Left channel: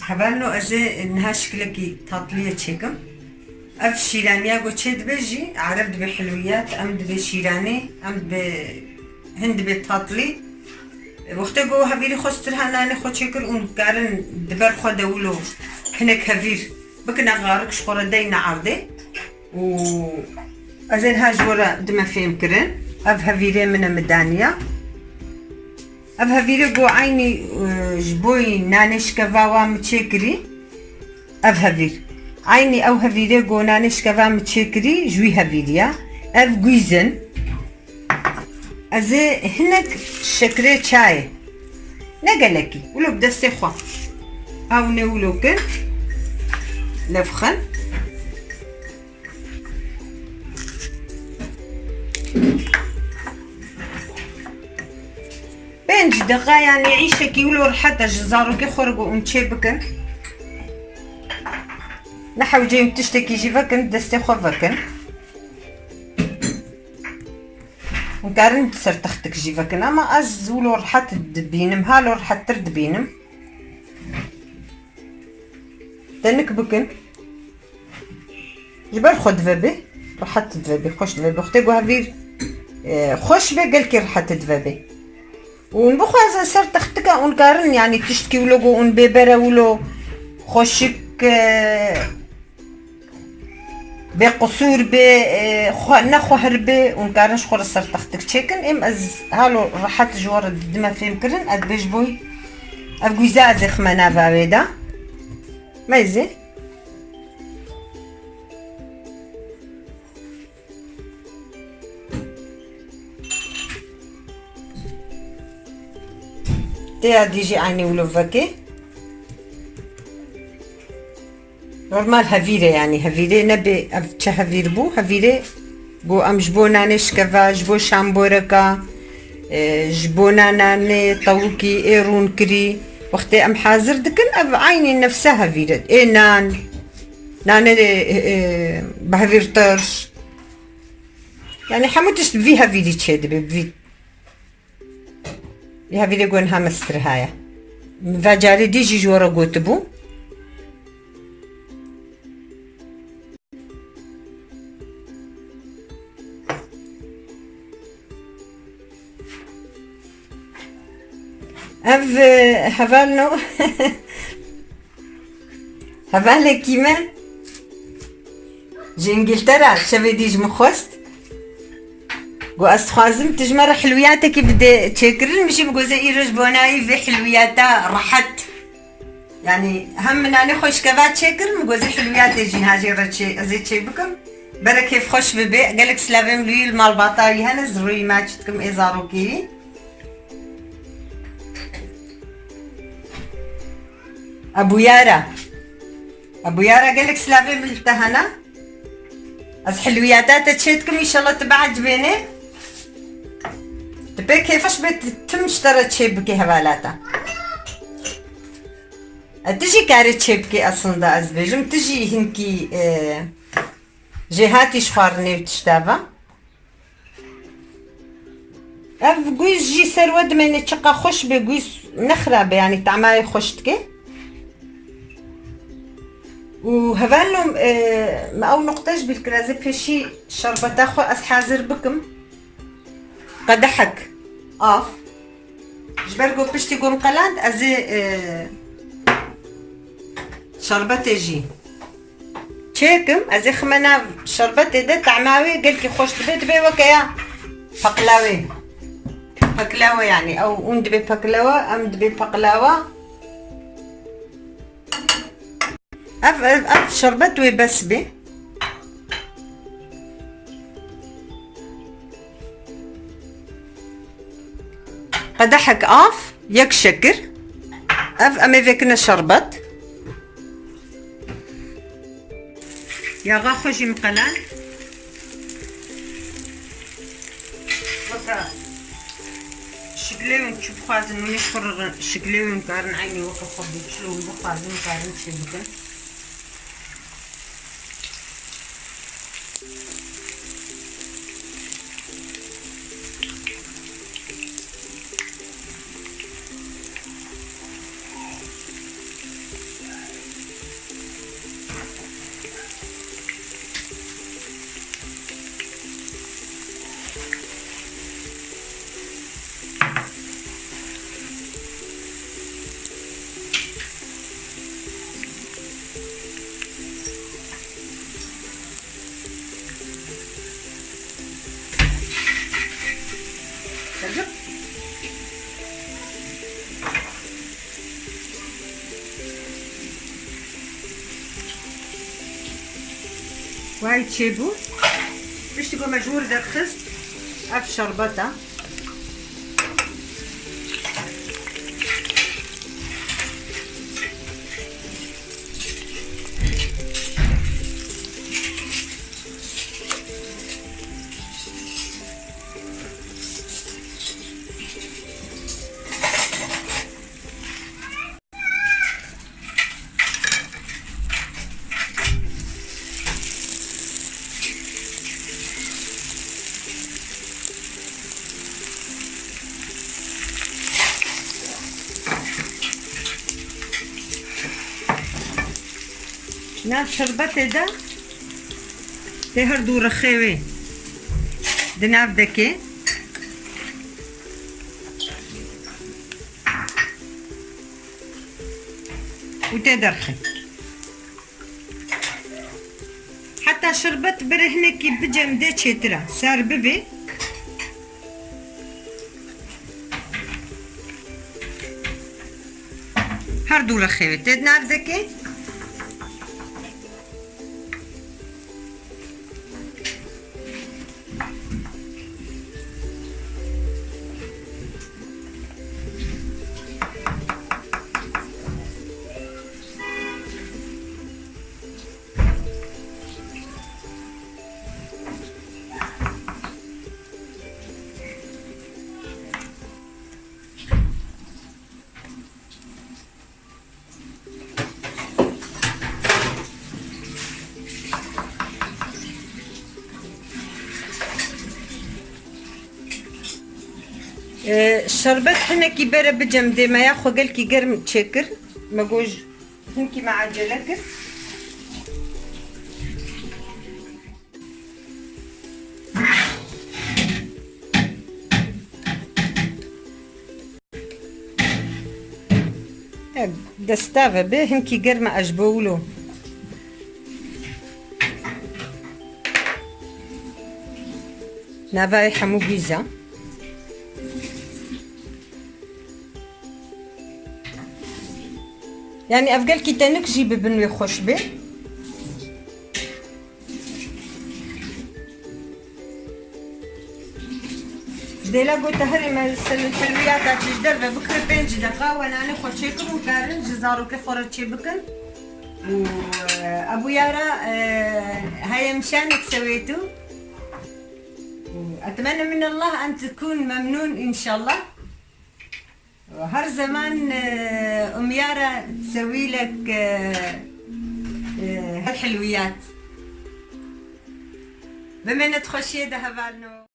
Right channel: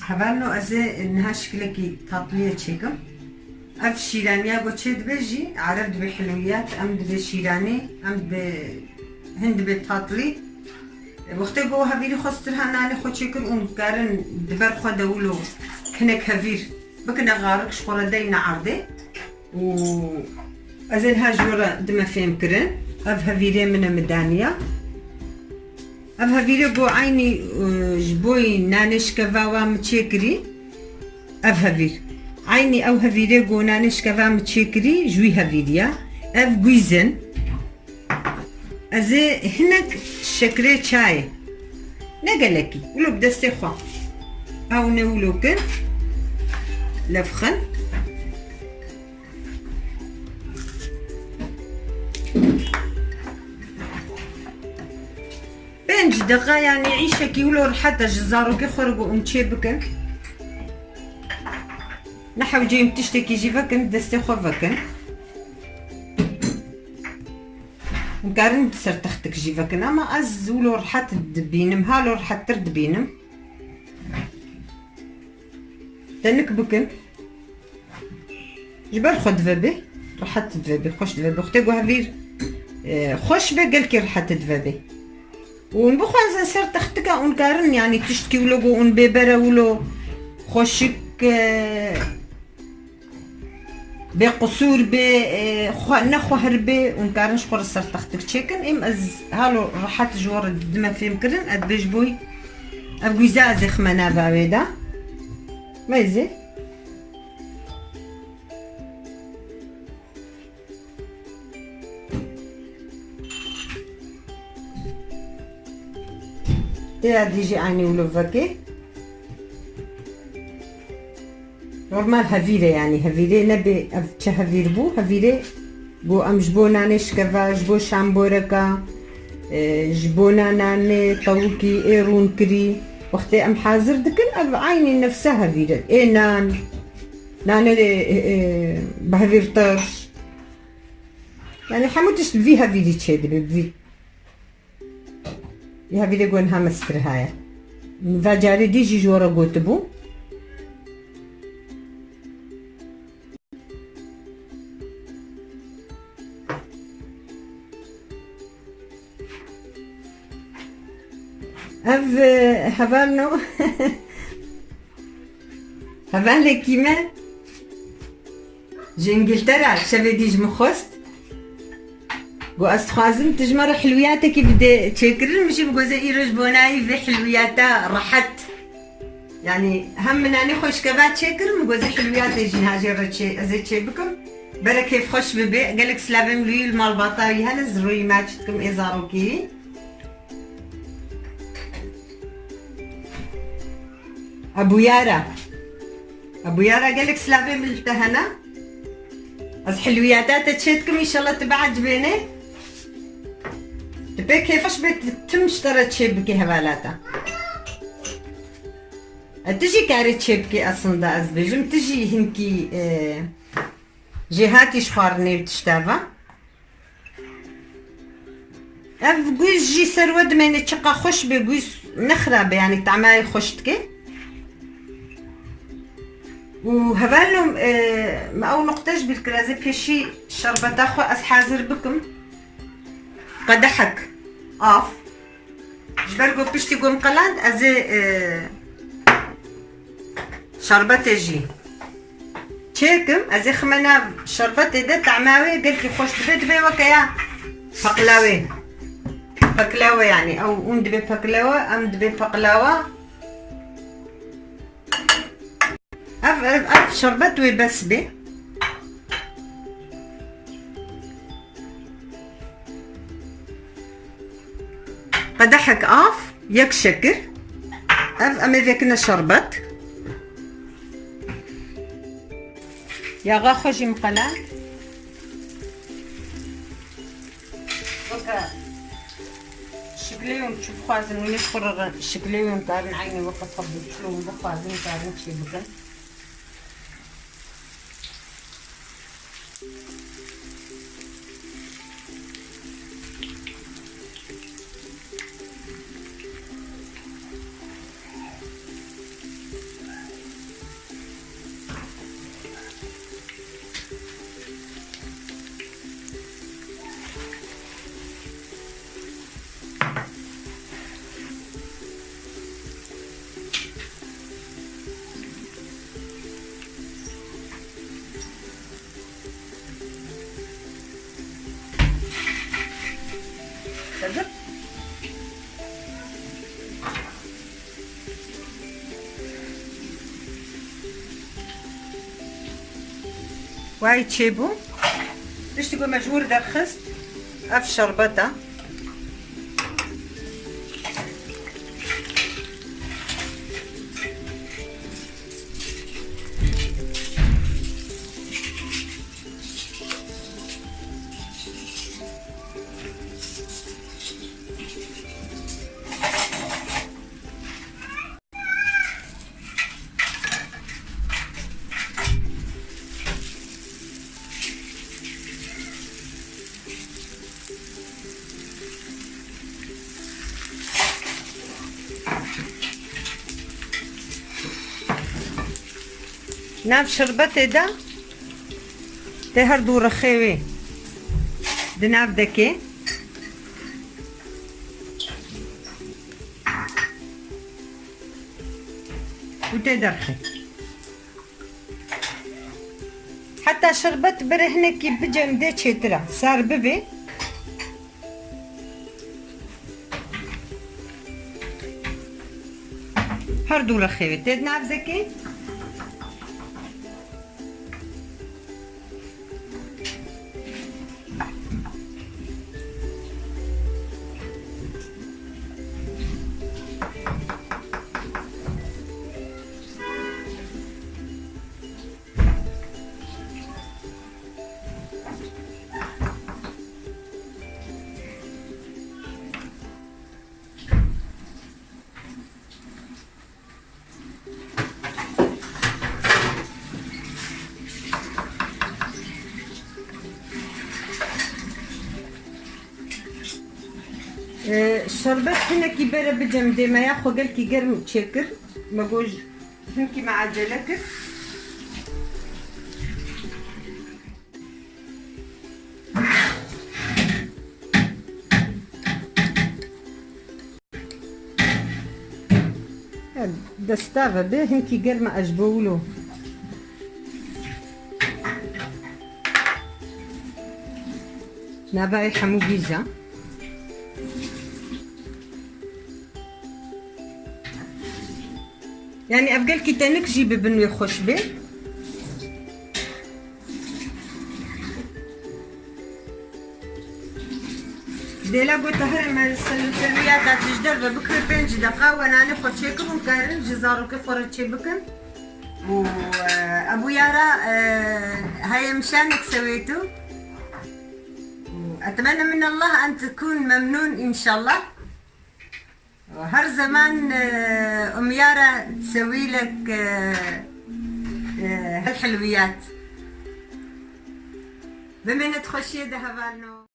حبالو أزي إنها شكلكي تطلية تشيكم أف شيرانيا قو تشيد بيجي عرب دبي حلويات أم دبي شيراني أم دبي هند دبي تطلي وقتی گو هفیری خواستر هنانی خود شکر اون کارن دبر خود دولو هنک هفیر بکن غارق شخورده نعرده و از این هجورا دم فهم کرن اف هفیری من مدانیا اف هفیری گو عینی جبوی نانش کفاوام چکری اف هفیر عینی او هفیری گو نانش کفاوام چکری جوی هفیریا اف گویزن از هناك شكري شاي نقلكي ولو بدستي خوا او نولو كن لفخن بين دقا يعني عيشكي ولو حتى جزارو كي خرجوا ونشي بكن نحو جاي تشتكي جي فكن دستي خوا فكن نقارن تسر تختك جيفك اما از ولو رحت دبينم هالو رحت تردبينم تنك بكن جبر خد فبي رحت دفبي خوش دفبي اختي هافير خوش بي قال كي رحت دفبي ونبخو از سر تختك ونقارن يعني تشتكي ولو ون بيبرا ولو خوشك بقصور نخو هربي ونكارنش خور السر تختك تشيكن ام از هالو راحت جوار الدم في مكرن اد بيجبوي ابقوي زازخ منافع بيدا ما يزي تي ديجي عيني ولو فاكي نورمال هفيرة يعني هفيرة نبي أفتح هفير بو هفيرة بو أم جبو نانش كفا جبو شامبوركا جبو ناني طوكي إيرون كري وقتي أم حاضر دكن أب عيني نفسها هفيرة إيه نان بهفير طرش يعني حموتش بفي هفيرة تشيد بفي هفيرة قوانها مستر هايا فاجاري ديجي جورا قوتبو اف هفالنو هفالة كيما جي انجلترا شافي ديج مخوست قو استخوازم تجمر حلوياتك بدي تشكرن مشي بقو زي ايرج بوناي في حلوياتا رحت يعني هم من اني خوش كذا تشكر بقو زي حلوياتي جي هاجي رتشي ازي تشي بكم برا كيف خوش ببي قالك سلافين لي المال باطاري هنز روي ماتشتكم ازارو كيري ابو يارا قالك سلافي بالتهنا از حلوياتات تشيتكم ان شاء الله تبع عجبيني تبي كيفاش بتتم اشترت شيبكي هبالاتا تجي كاري شيبكي اصلا دا ازبيجم تجي هنكي جهاتي شفارني وتشتافا اف قويس جي سرود من تشقا خوش بقويس نخرب يعني تعماي خوشتكي وهبالهم ما أو نقطاش بالكرازي بشي شربت أخو أسحازر بكم قدحك جبرقو بشتي قوم قلاند أزي شربت جي تشيكم أزي خمنا شربت إدا تعماوي قلتي خوش تبي دبي وكيا بقلاوي يعني أو دبي بقلاوة أم دبي بقلاوة أف شربت ويبسبي قدحك يك شكر أمي فيكنا شربت يا غاخوجي مقلان شكليون تشوف خازن ونشكر شكليون كارن عيني وقف خبي شلون خازن كارن شبكة وهاي تشيبو باش تكون مجهور درخست اف شربتها. نام شربتي ده تهر دور خيوي دناف دكي وتدرخي حتى شربت برهنكي بجم دي تشترا سار ببي هر دور خيوي تدناف دكي الشربت هنا كي بره بجم دي ما ياخو قال كي قرم تشكر ما جوج هنكي مع عجلتك دستافة به هنكي قرم أجبولو نافاي حمو بيزا يعني أفقال كي تانك جيبي بنوي خوشبي جديلا قلت هرم الترويات تجدر بكري 5 دقائق وانا ناخد شيكم وقارن جزارو كفورة تشيبكن وابو يارا هاي مشانك سويتو اتمنى من الله ان تكون ممنون ان شاء الله. وهر زمان ام يارا تسوي لك الحلويات بما تخشي دهبالنا